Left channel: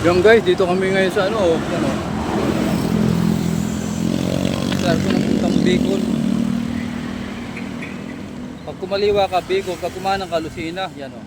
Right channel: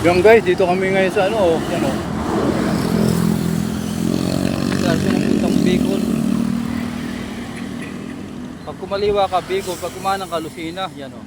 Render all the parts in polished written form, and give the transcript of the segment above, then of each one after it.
Yan guys, dito kami ngayon sa ano, yan o. Sa puntang Bicol. Pag kumaliwa ka Bicol, pag kumanang ka Lucena, yan o.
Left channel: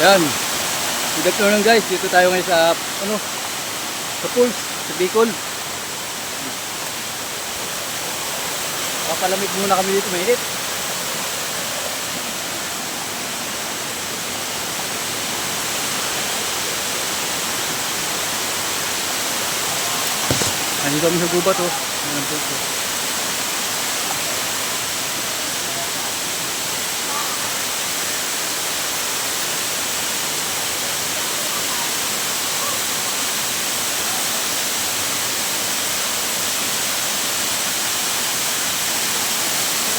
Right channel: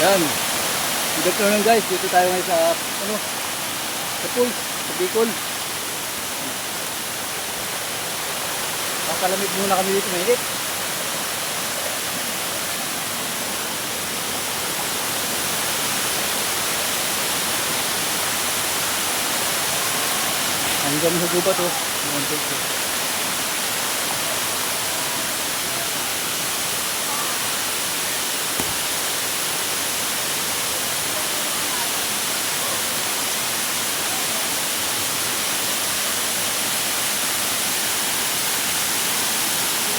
Yan. Good afternoon guys, dito tayo ngayon sa ano, sa pools, sa Bicol. Papalamig muna kami dito, mainit. Ano kami sa gubat oh. Ayan po ito.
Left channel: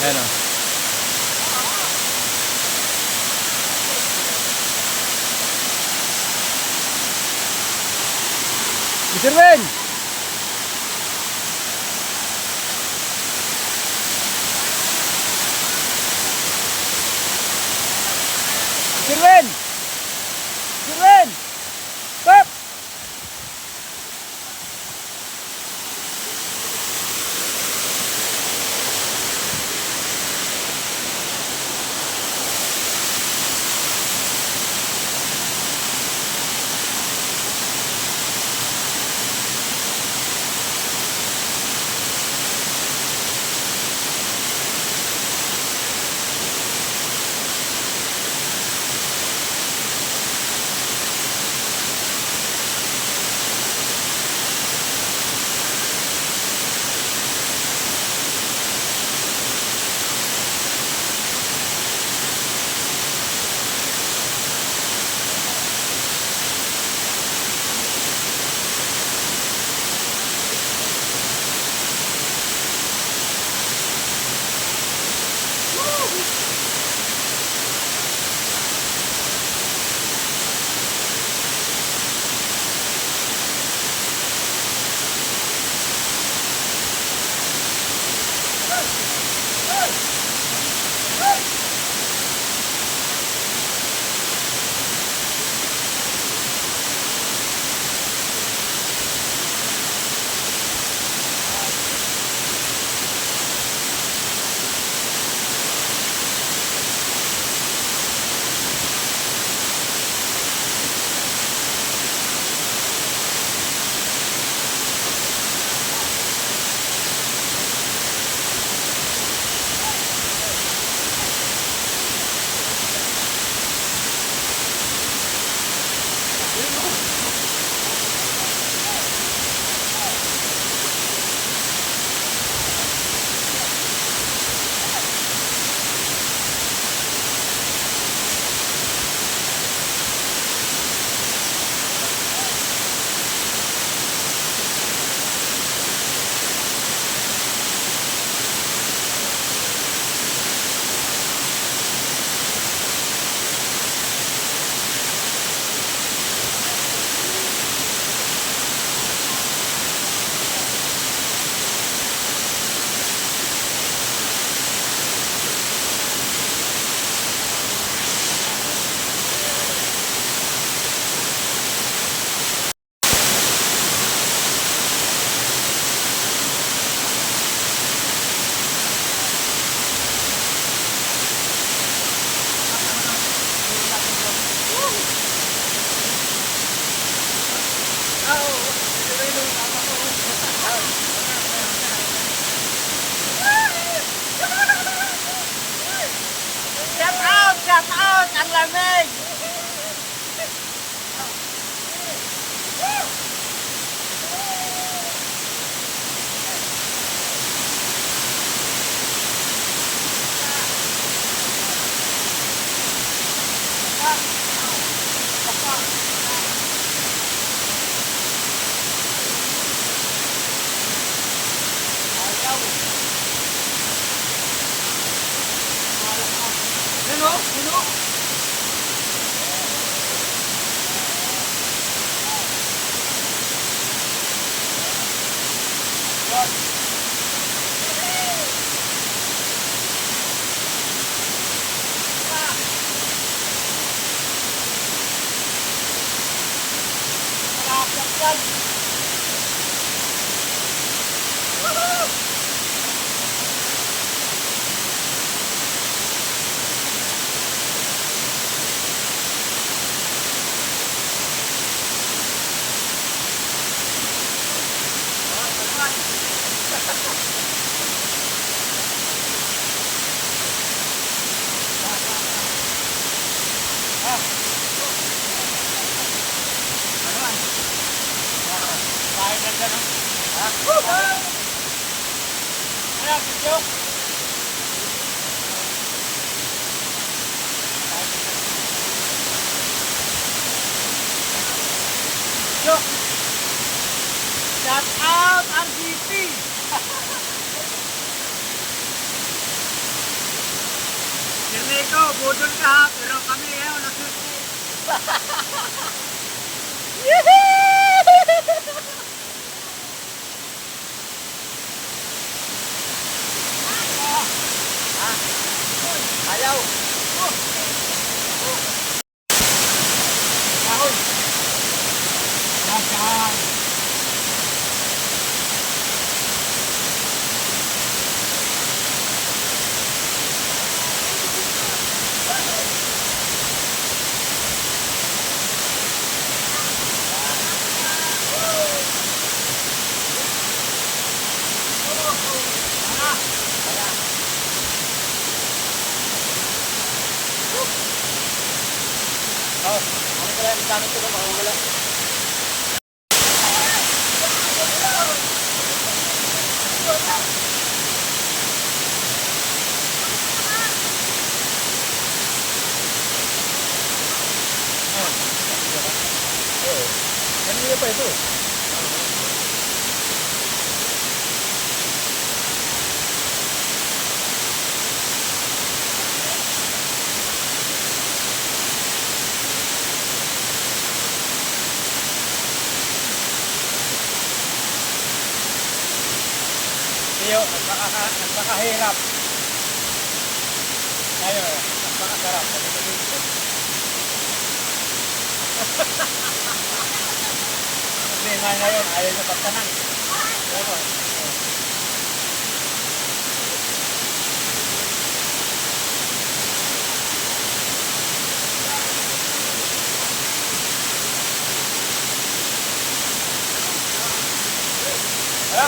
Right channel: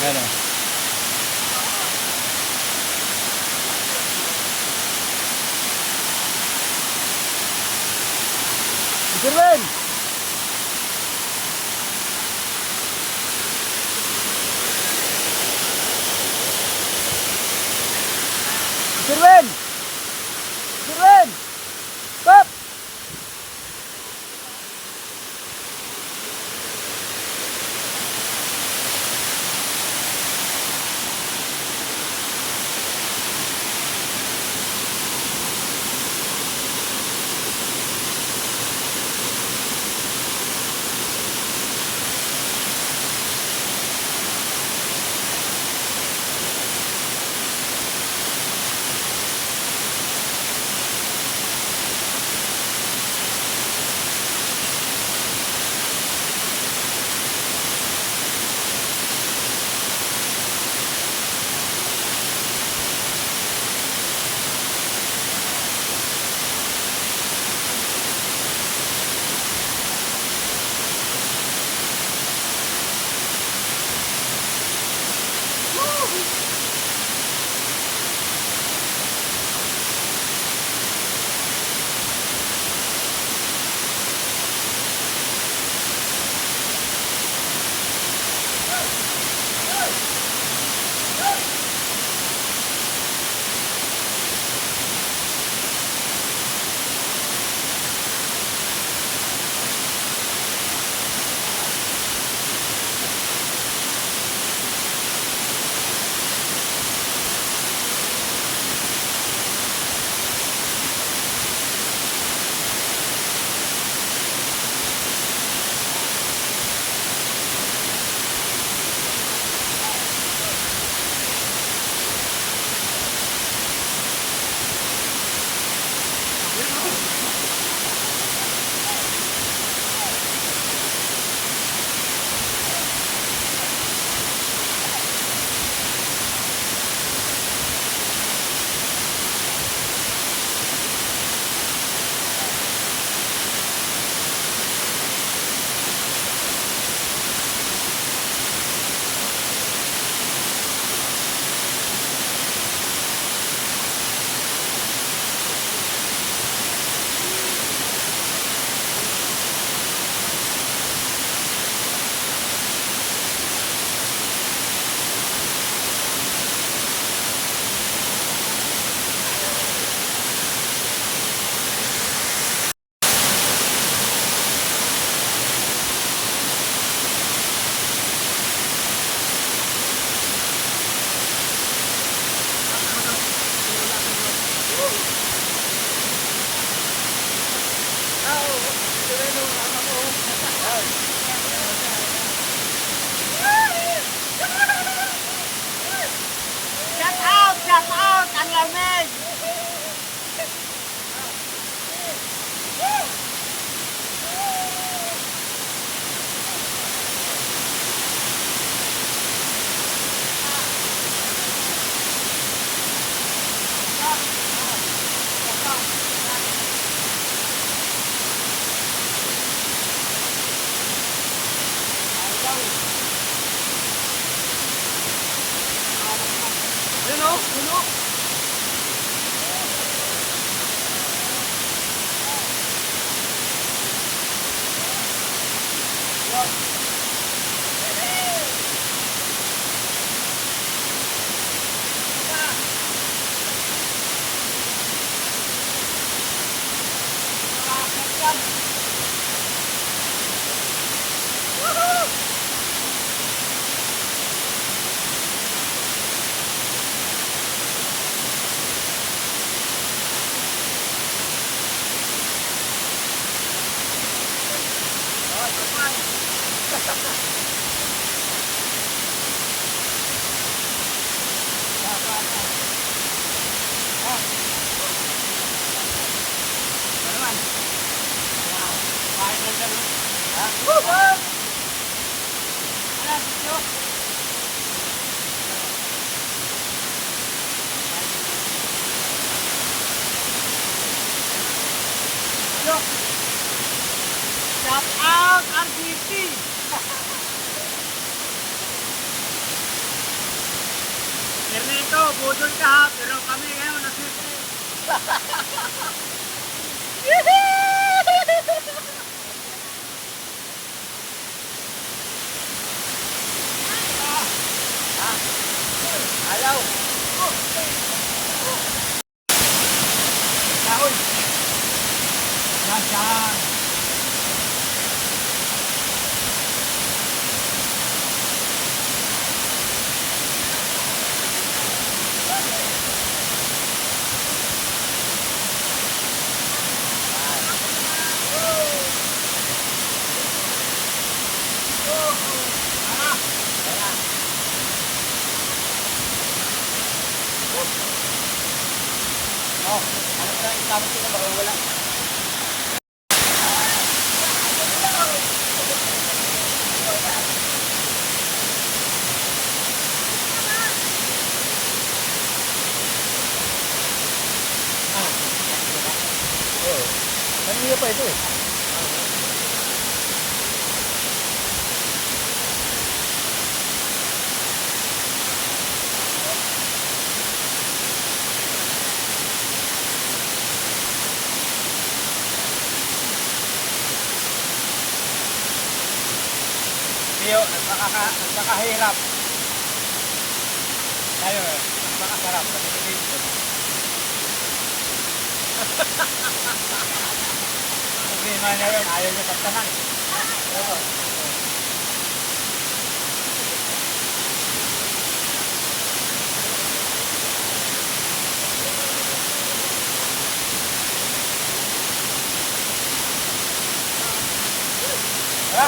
Ayan o. Mr. Ben! Mr. Ben! Mr. Ben! Stop! Shout out! Ang lamig! Yun o, yun o. Shout out RGP! Ernesto, budol ka ha, pero kami ngayon nasirte. Ayaw. Kahoy! Nasaan? Oh, ano pala yung tanong ko kung wala? Oo. Kanina pa ito. Iyo, nagpakahirap. Tayo, nagpakasarap. Problema na yun, ayaw niya pagtanang. Oo. Tara.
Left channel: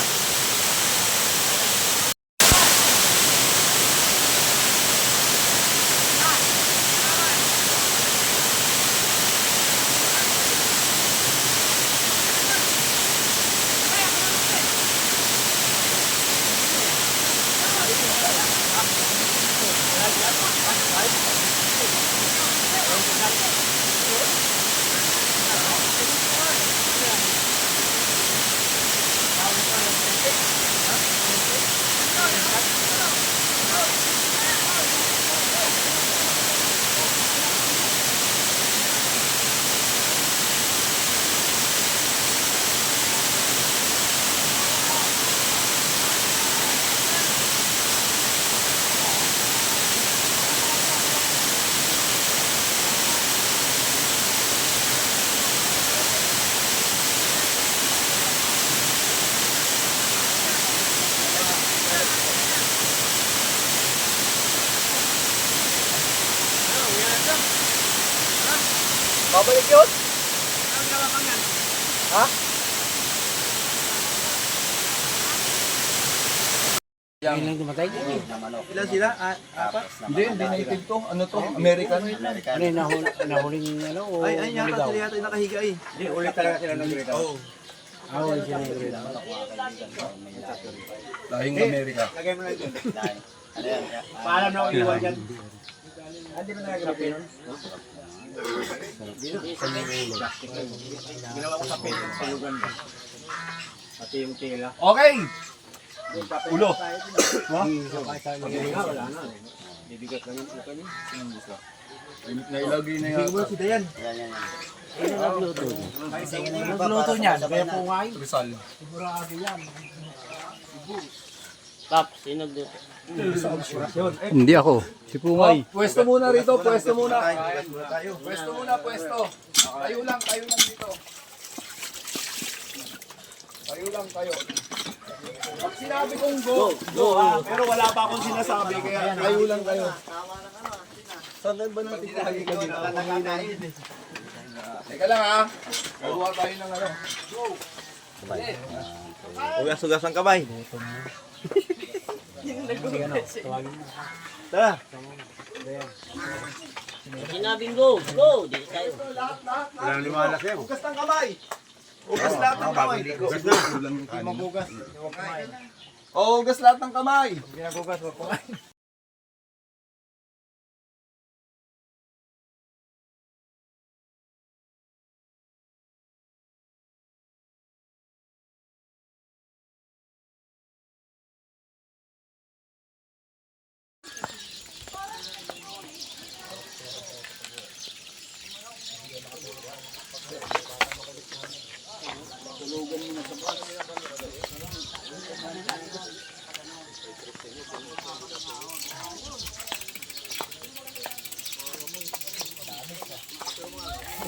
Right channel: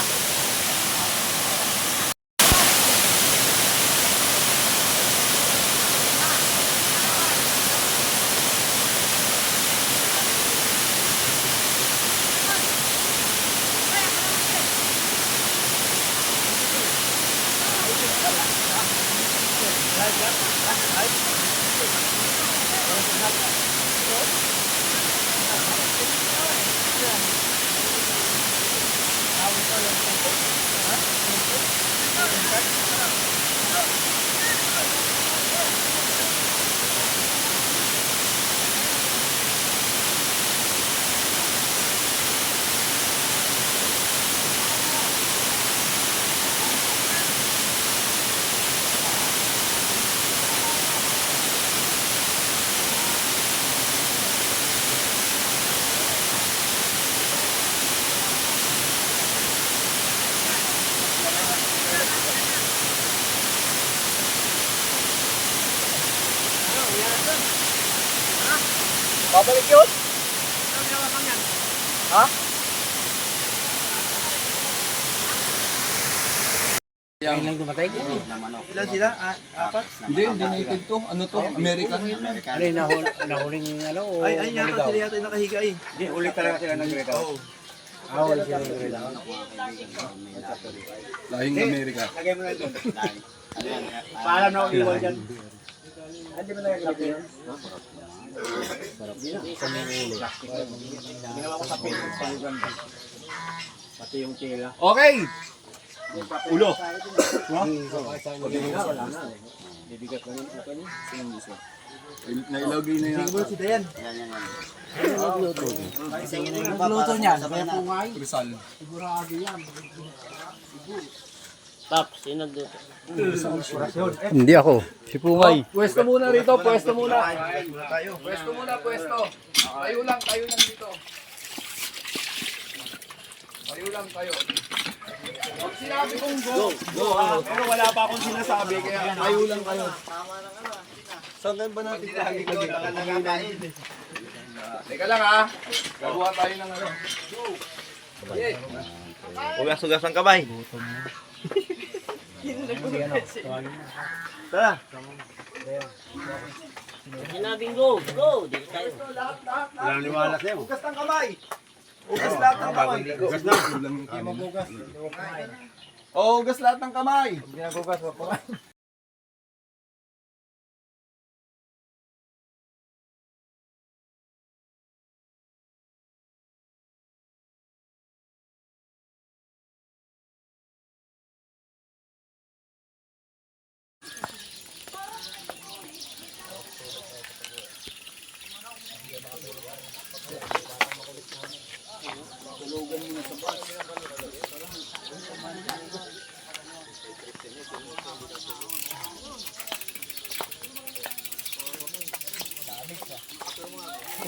Babalik yun? Ano ginawa kang yan? Ha? Yung dumatay. Ilan sila? Apat? hindi native to. Ano to? American. Ano yung nahuling ano o Ay yata naligaw? sila yata yung nakahiga eh. Hindi, ulit talaga sila nag-regaw. Oo. Wala sila naligaw. Lahing Amerika. Lagay mo na ito. Ano yan? Paalam na ako iwan dyan. Hindi mo nagagamit yun? Ginawa ko sa pin sa Uganda. Pati yung tela. Okay! Ulo. Wala na. Bibigat lang yung ulo niya. Nailagay na yata. Si Dayan. Nagluto niyan, kaya pungay. Rizal. Sigurado yan. Hindi ako. Si Pungay. Pwesto muna rito, pwesto muna. Pwesto muna, pwesto. Tayo lang dito. Tayo lang kayo. Pag sinabi kong go, Pero wala pa akong sinasabi kaya tayo lang kayo. Saan ba natin lagi kami? Teka lang ha. Gagawa tayo ng ano. Ugas-ugas ang kamay. Tara. Sinabing go, go! Dito tayo. Walang liwanag yan. Ugas ng kamay. Ugas lahat ng kamay. Ugas na. Hindi magugas. Oo, ugas lahat ng kamay.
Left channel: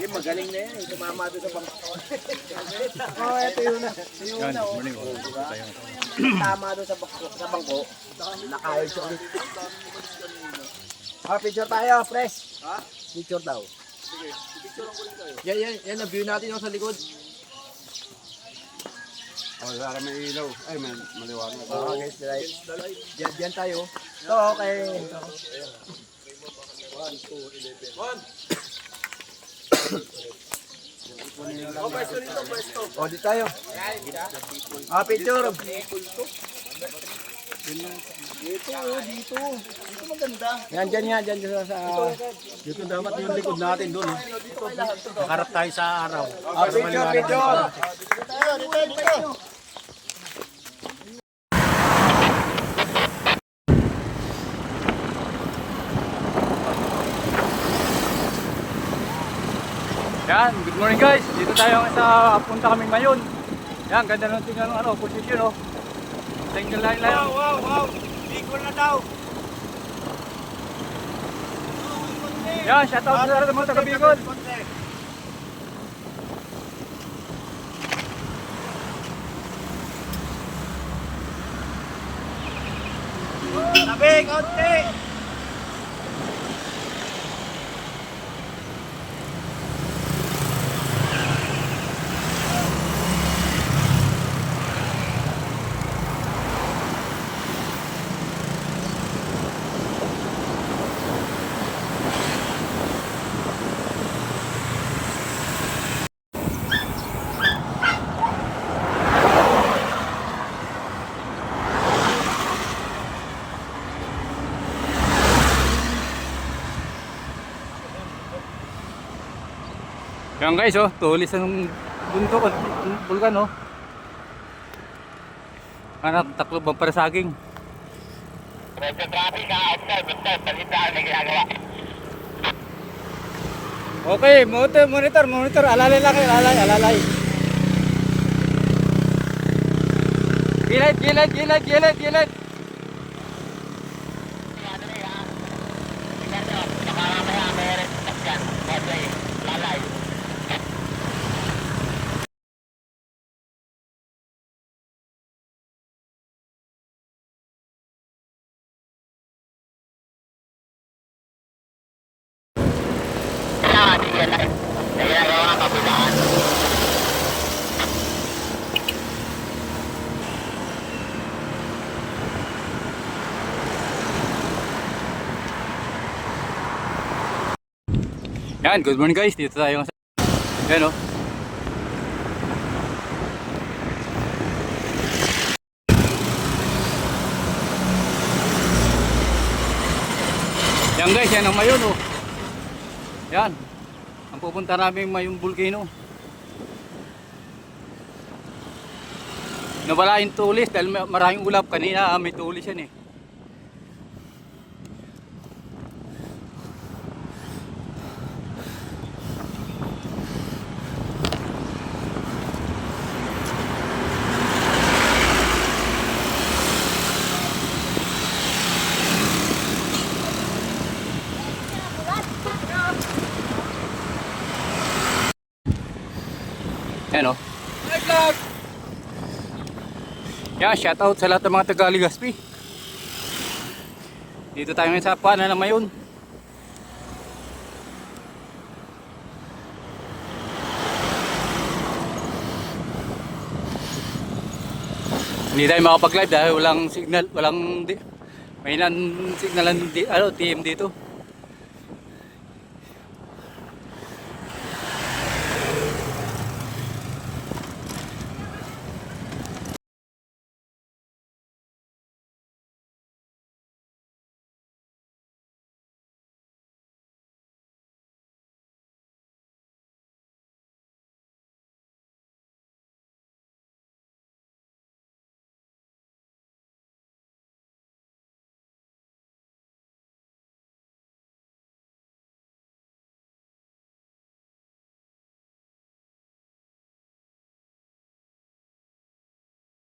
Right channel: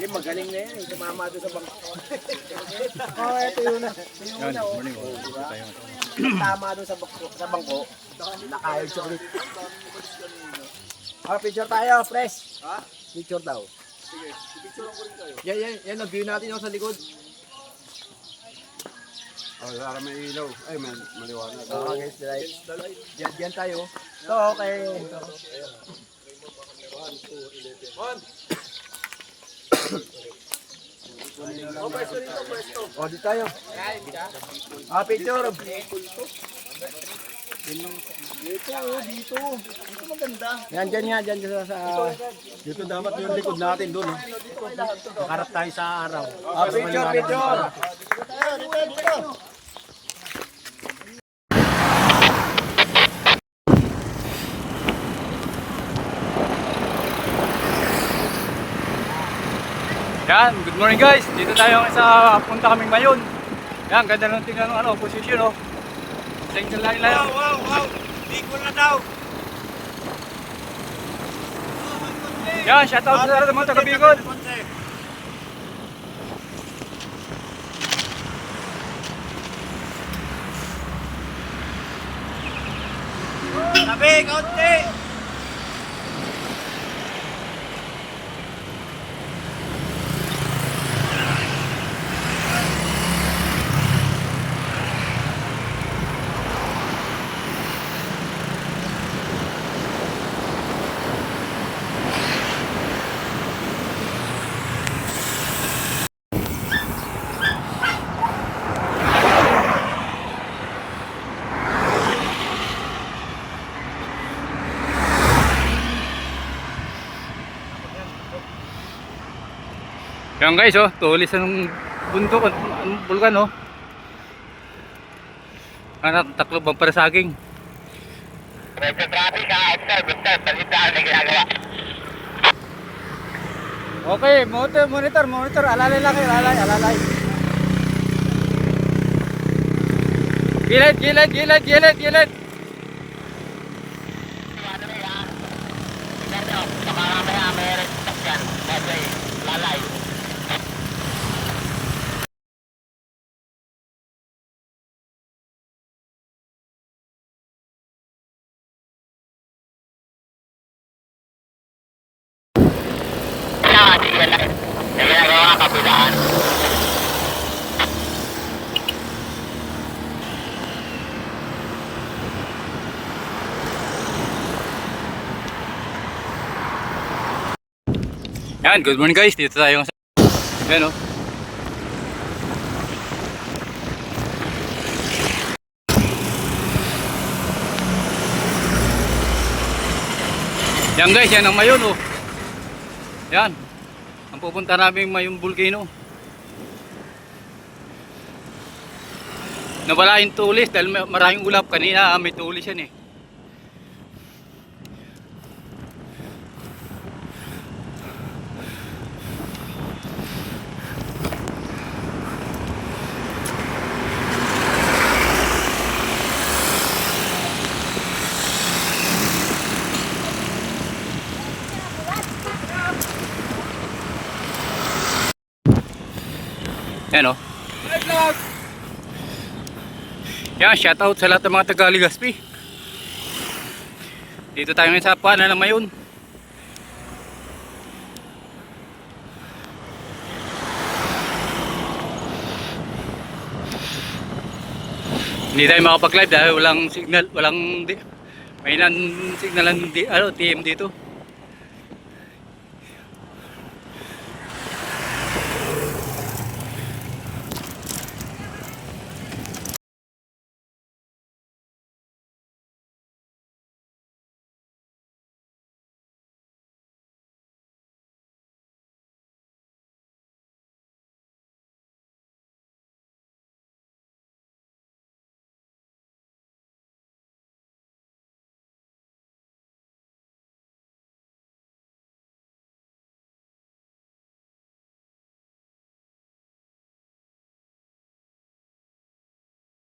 Magaling na yan. Tumama doon sa bangko. Yan, morning. Tayo. Tama doon sa bangko. Nakayod siya ulit. Picture tayo, fresh. Picture daw. Yan ang view natin yung sa likod. Oh, para may ilaw. Ay, maliwanag. Guys, right. Diyan tayo. Ito, okay. O, di tayo. Picture. Dito maganda. Yan, dyan nga, dyan sa... Dito dapat yung likod natin doon. Nakarap tayo sa araw. Picture. Yan, good morning guys. Dito tayo sa punta kaming Mayon. Yan, ganda ng tingnan ng ano, position oh. Single line lang. Wow. Bicol na daw. Yan, shout out sa mga taga Bicol. Tabi, kaunti. Yan guys oh, tulis ng bundok at bulkan oh. Anak, taklo bang para saging. Okay, monitor, alalay lang kayo, alalay. Gilid. Yan, good morning guys. Dito tayo sa... Yan o. Yan guys, yan ang Mayon o. Yan. Ang pupunta namin Mayon Volcano. Nawala yung tulis dahil maraming ulap. Kanina may tulis yan eh. Yan o. Yan, shoutout sa lahat ng mga taga Legazpi. Dito tayo ngayon sa Pana na Mayon. Hindi tayo makapag-live dahil walang signal, may signalan TM dito.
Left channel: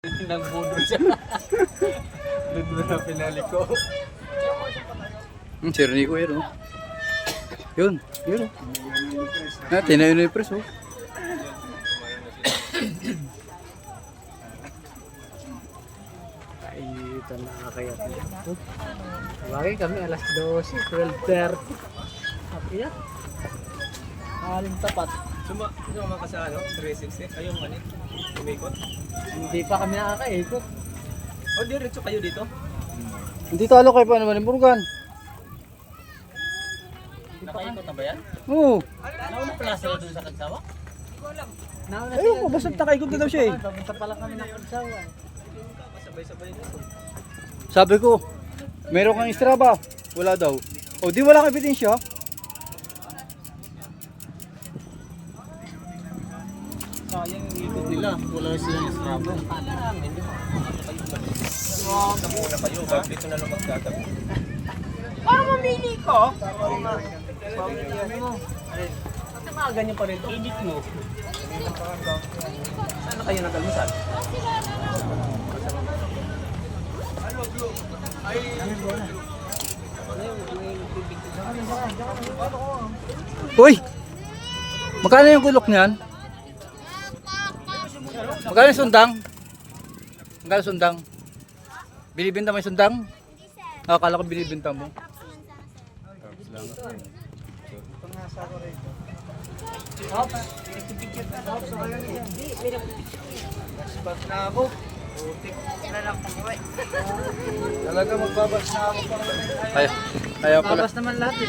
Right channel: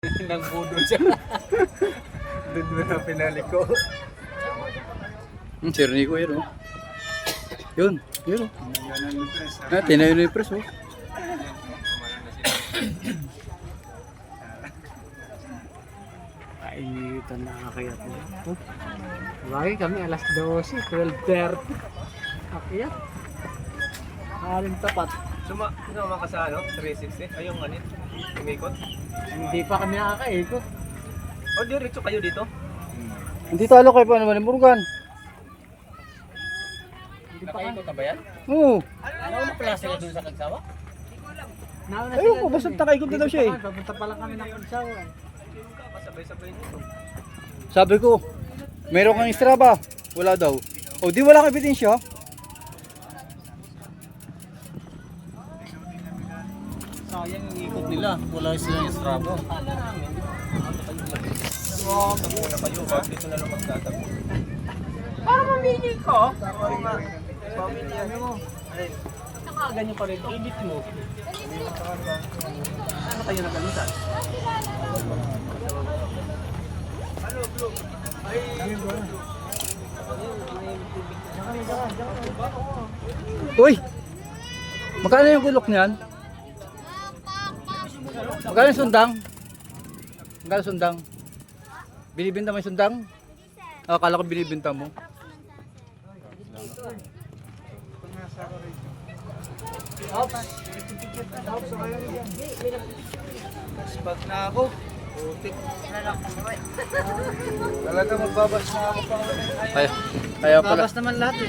Nagbudo siya. Doon na pinali ko. Sir Nico yun o. Yun o. Tinayo na yung press o. Kainitan na kakayat na. Bagay kami alas 12, 12:30. Kakayat. Aling tapat. Sumama ka sa 360? Ayong umikot? Hindi pa kami nakakaikot. O diretso kayo dito? Hindi talo kayo pa naman ni Morgan. Nakaikot na ba yan? Oo. Ano ang klase na dun sa Kagsawa? Ayun ko, basta nakaikot na daw siya eh. Papunta pala kami ng Pagsawa. Sabay-sabay dito. Sabi ko, meron kang Strava. Wala daw. O di wala kang ebidensya. Sayang yung ikot nila. Wala silang Strabo. Muna kayo. Bakit dito na lang magtatago? Parang mamili ko. Oo nga. Pamilya mo. Alin? Ganyan pa rin. Edit mo. Ano kayo nagalitan? Uy! Magkano yung gulok niyan? Magkano yung sundang? Magkano yung sundang? Binibinta mo yung sundang? Akala ko binibinta mo. Pag na ako. Talaga magbabas na ako pa. Kaya pala. Tapos naman lahat eh.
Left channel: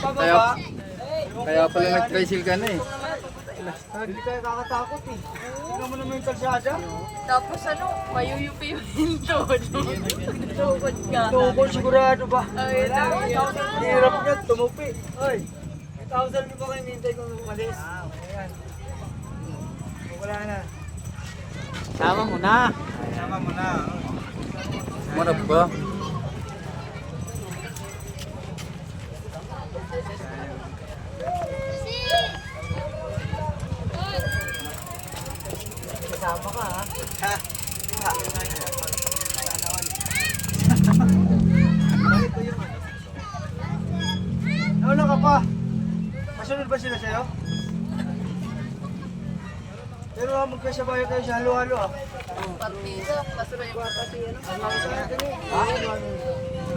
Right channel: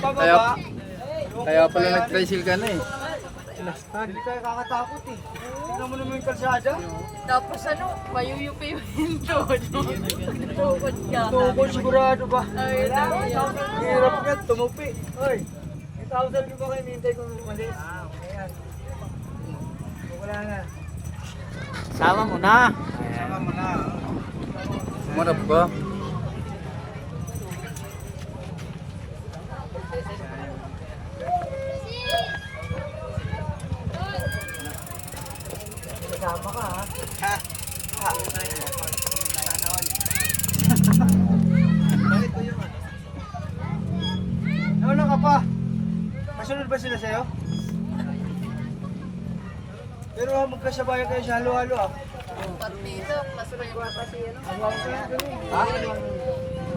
Kaya pala nag-tricycle ka na eh. Hindi kayo kakatakot eh. Tingnan mo naman yung kalsada. Tapos ano, mayuyupi yung tuhod mo. Tuhod ka. Tukol sigurado ba? Ay, dami yan. Hirap niya, tumupi. Ay, 1,000 ko kayo nintay kong umalis. Wala na. Sama mo na. Sama mo na. Marap ba? Bakit ba yung ano? Ano ka pa? Masunod ba sila sa'yo? Pero magkasabay kayo sa halo-halo ah. Partido, masunod ko kasi ano. Ha?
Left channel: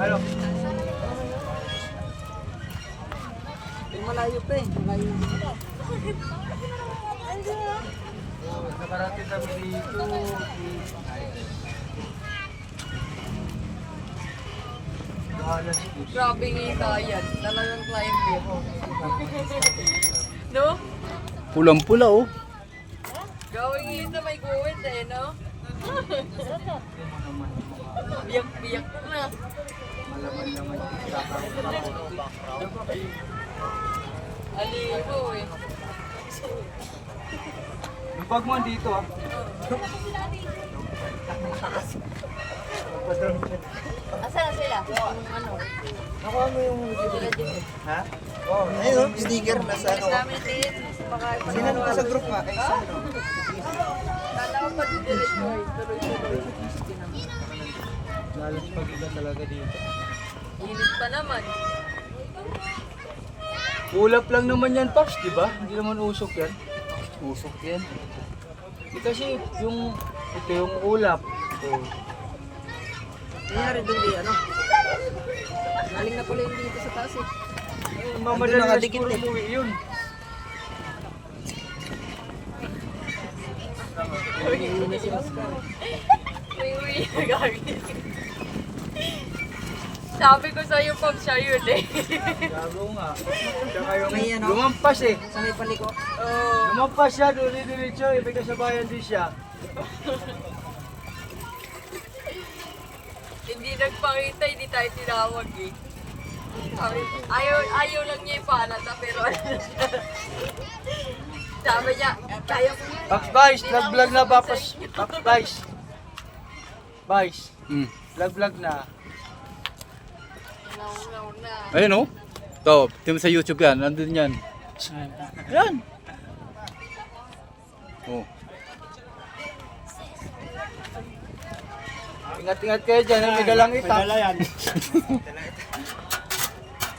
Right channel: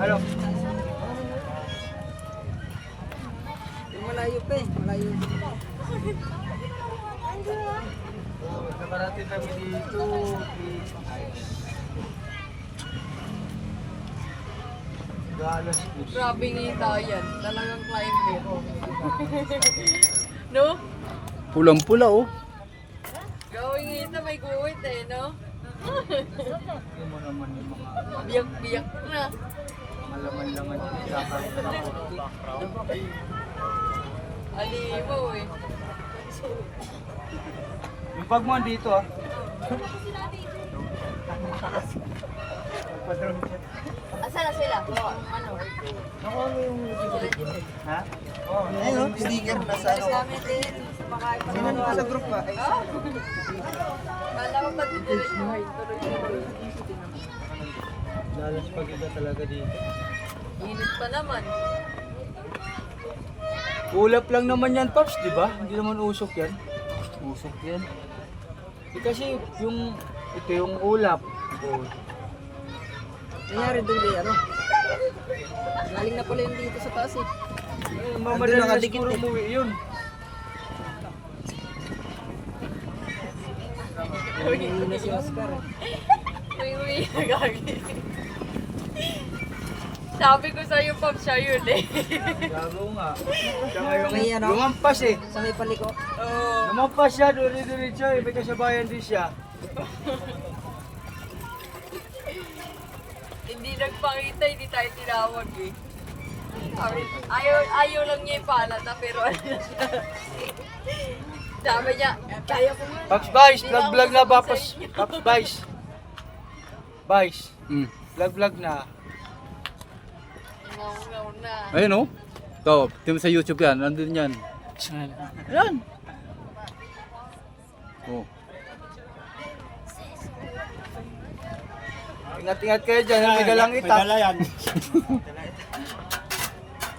Ano? Malayo pa eh. Malayo. Nakarating kami dito. Balas. Grabe kita yan. Talagang client mo. No? Pulang-pula oh. Gawin ito may guwit eh, no? Biyak-biyak na. Malaman naman yung kakaroon na po. Alimaw eh. Yung bag mo dito ah. Asa na sila? Yung ano? Nakuha mo yung... Sila din. Ha? Ayun, sticker na sa ano. Sa amin din. Sino naman sa group nga? Kala ko ba din din mo? Malas pag-iga talaga dito. Init pa naman. Ulap lang naman yan, Paps, di ba? Hindi naman usok yan. Usok yan. Kasi yung... Ito yung ulap. Oh. Nangyari doon di ano? Galing na pala yung dito sa taas eh. Mamadali na siguro umuwi yun. Nangyari na si Oscar eh. Uy, nagagi. Sabi ko sa'yo, Pop, siya yun eh. Gago nga. Tsaka yung May ano? lumampas eh. Sa may paliko. Oo. Lumampas siya, duli-diretso eh. May kasabayan din siya. Hindi nagpakita, hindi tayo tinawag eh. Ayaw lang niya ipaalala, pero ano siya. Sabi niya, kaya ko yan. Paps Vice, vlog na ba? Paps Vice. Vice, vlog na. Ngaw na. Ayun oh. Ito, tingnan mo sa YouTube yan. Nandun yan. Yan. Oh. Ingat-ingat kayo dyan, may galang itak. yan.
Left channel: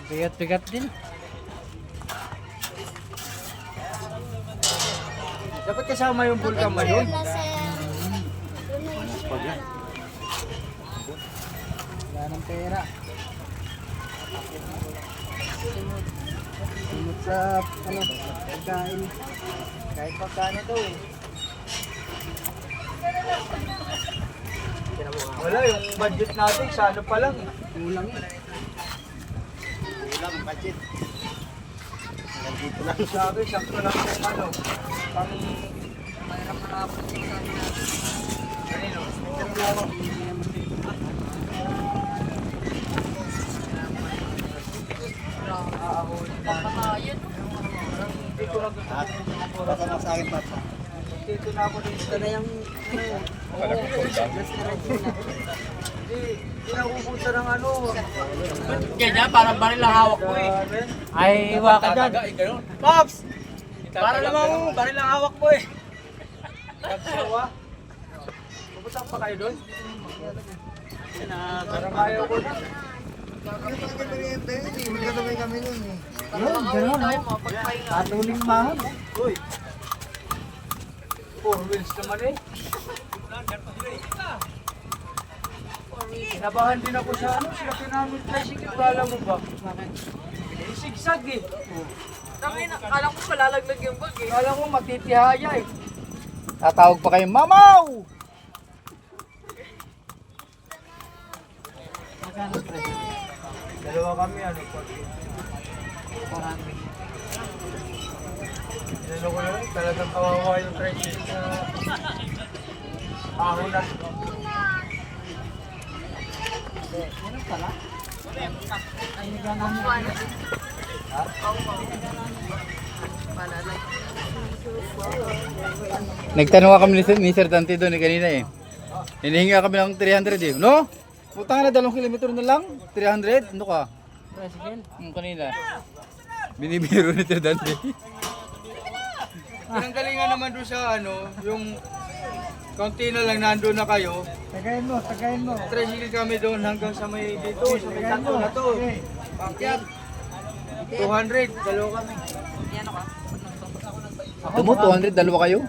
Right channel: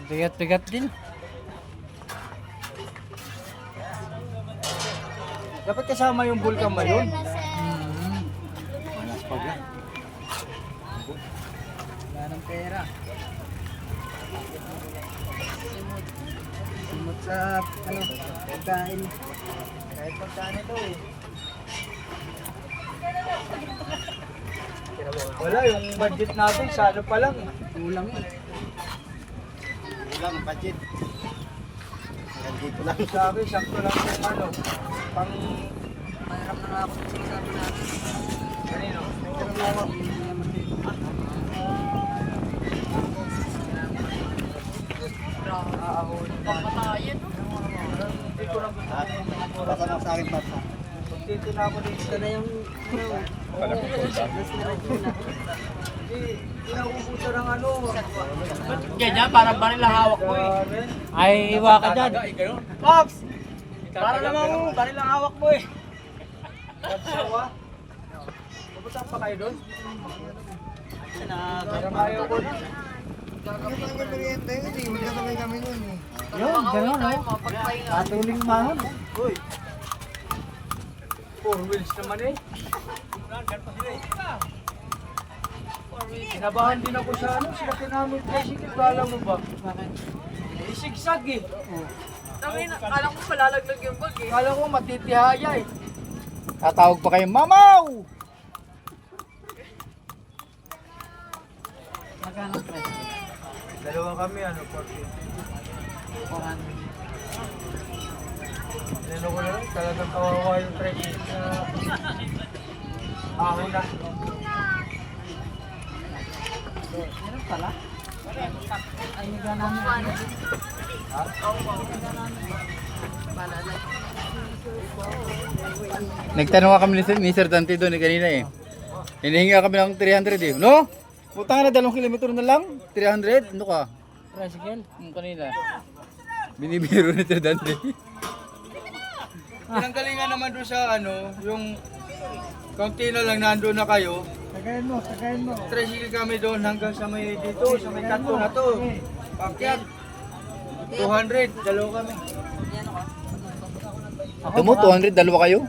Tigat-tigat din. Dapat kasama yung bulkan mo yun. Manas pag yan. Wala ng pera. Simot sa ano, pagkain. Kahit pagkain ito eh. Wala, yung budget natin, sa ano pa lang eh. Kulang eh. Kulang budget. Dito lang. Sabi, sakto lang yung ano, pang... Kanino? Patayan. Hindi ko lang gusto. Baka nga sa akin pa. Dito na ako dito. Ito na yung Hindi na ubusan ng ano. Ganyan, parang baril lang hawak mo eh. Grabe. Ay, iwa ka dyan. Pops! Para namang baril lang hawak mo eh. Nagsawa. Pupunta pa kayo doon? Parang ayaw ko na. Yun, gano'n no? Mapagpahinga. Atuling mahal. Uy. 4 wheels naman eh. Kinabahan din ako sa ano, sinakyan namin tricycle, alam mo ba? Sigsag eh. Kala ko palalaglag yung bag eh. Kala ko matitihaya eh. Tatawag pa kayo, Mamaw! magkano presyo? Dalawa kami, ano, 40. Inano ko na lang, talagang kawawa yung tricycle na ahon na. Meron pala? Ay, nagwa namin ako. Nagtanong kami ni Sir Dante doon kanina eh. Hinihinga kami ng 300 eh. No? Putang na 2 kilometro na lang. 300? Ano ka? Tricycle? Yung kanina. Binibiro ni Sir Dante. Pinanggalingan naman doon sa ano, yung kaunti na lang nandun na kayo. Tagayin mo, tagayin mo. Tricycle kami doon hanggang sa may dito, sa may kanto na to. Pakyat. 200, dalawa kami. Ito mo, 200, dalawa kayo?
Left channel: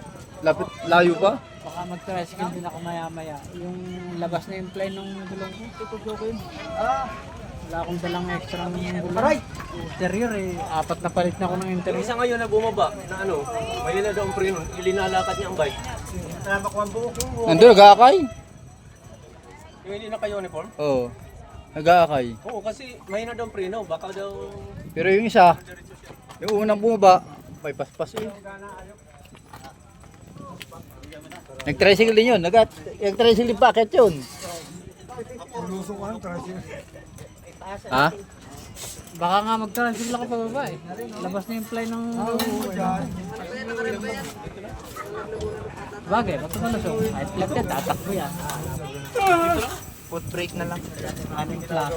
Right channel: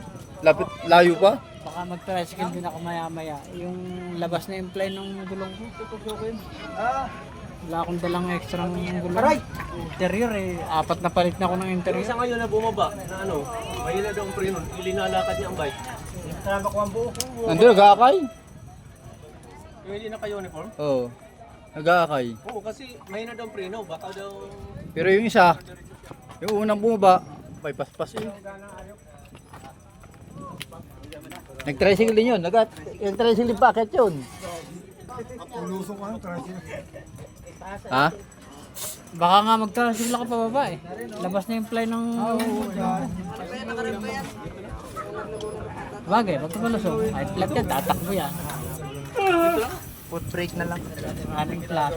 Lapit, layo pa? Baka mag-tricycle din ako maya-maya. Yung labas na yung plane ng gulong ko. Tututukin. Ah, Wala akong dalang extra ng gulong. aray! Interior eh. 4 na palit na ako ng interior. Isa ngayon na bumaba, ano, may na daw ang preno, ilinalakad niya ang bike. Kasama ko ang buo. Nandun, nag-aakay? Yung hindi naka-uniform? Oo. Nag-aakay. Oo, kasi may na daw ang preno, baka daw... Pero yung isa, yung unang bumaba, may paspas eh. Nag-tricycle din yun. Nag-tricycle din packet yun. Ulusong ka ng traffic. Ha? Baka nga magtrasigla ka pa baba eh. Labas na yung fly ng... Bagay, ba't ko lusog? Ay, flat yan, tatakbo yan. Foot brake na lang. Aming class.